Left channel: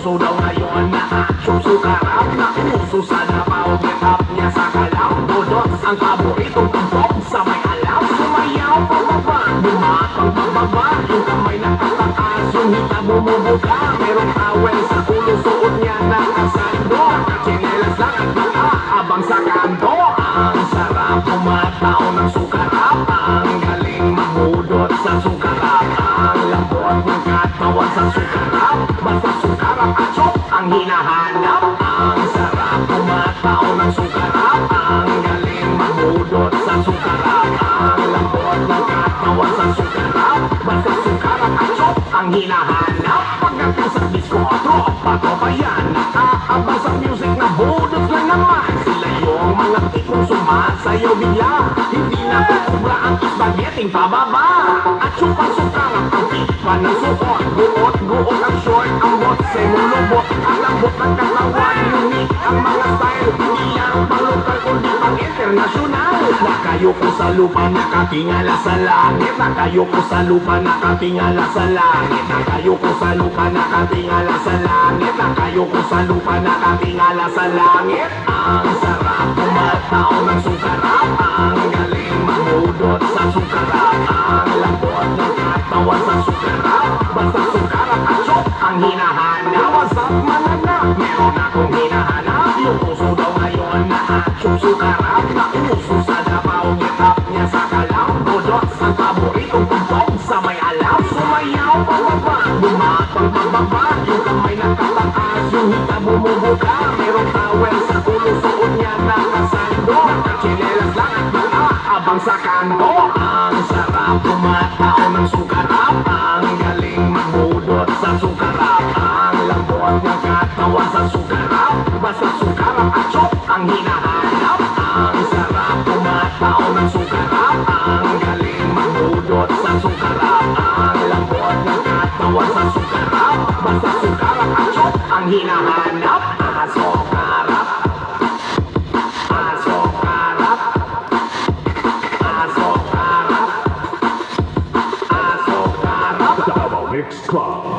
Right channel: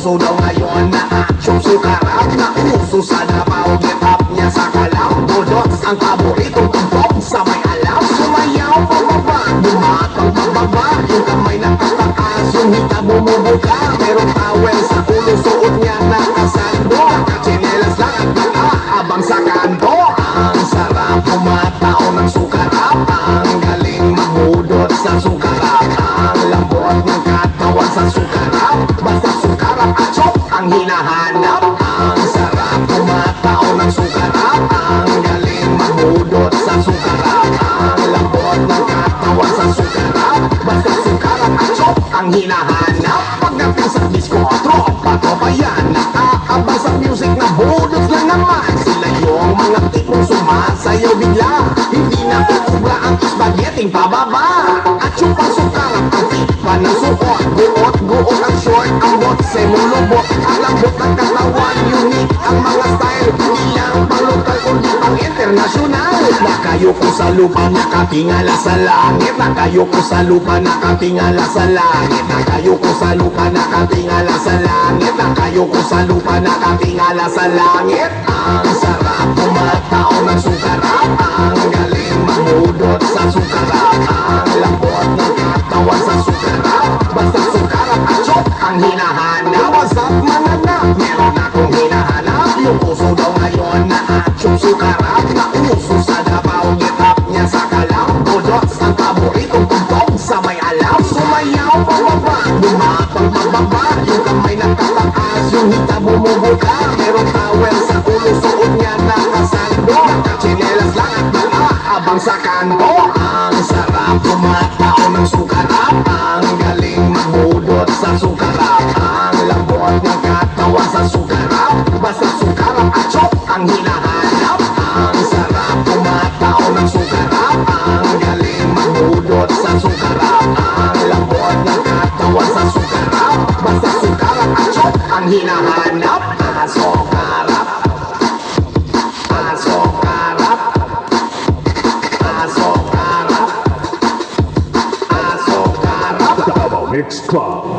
uso daw ngayon na aksyon sukarap na uso sa Davao. Get up niya sa kalaw, budots ang paboritong tumpok sa may alaw. Sumayaw pababa, lumakang pababa, yung kamay nakataas, yung hita bumubuka. Merong towel sa ulo, suot niya nakasando, nakachinelas lang at nakaabang sa kanto. Ang sarap kumatao ng sukarap, ang galing mamudot sa sukarap, ang lambot ng katawan sa sukarap, basta sukarap at chop ang hinahanap. Ang sarap kumatao ng sukarap, ang galing mamudot sa sukarap, ang lambot ng katawan sa sukarap, basta sukarap at chop ang hinahanap. Pagdating sa disco, tropa ko pa yan, naaabang sa music na budots lang naman. Sila yung mga tipong sumasayaw bigla, hindi na tutubra ang spaghetti pababa. At yung pasukarap, ang tipa ng suot, guot ang short, ang botse mulubot, ang lambot ng katawan, unique ang mga style, hindi lang pang lokal kundi pang internasyonal. Nakayo ko sa lupa, nakatingala sa langit, nakayo ko sa lupa, nakatingala sa langit, nakayo ko sa lupa, nakatingala sa langit, nakayo ko sa lupa, nakatingala sa langit. Ang sarap kumatao ng sukarap, ang galing mamudot sa sukarap, ang lambot ng katawan sa sukarap, basta sukarap at chop ang hinahanap. What's up mananap, meron akong hinahanap, yung puso daw ngayon na aksyon sukarap na uso sa Davao. Get up niya sa kalaw, budots ang paboritong tumpok sa may alaw. Sumayaw pababa, lumapang pababa, yung kamay nakataas, yung hita bumubuka. Merong towel sa ulo, suot niya nakasando, nakachinelas lang at nakaabang sa kanto. Ang sarap kumatao ng sukarap, ang galing mamudot sa sukarap, ang lambot ng katawan sa sukarap, basta sukarap at chop ang hinahanap. Ang sarap kumatao ng sukarap, ang galing mamudot sa sukarap, ang lambot ng katawan sa sukarap, basta sukarap at chop ang hinahanap. Sukarap, sukarap, sukarap, sukarap. Davao Mix Club.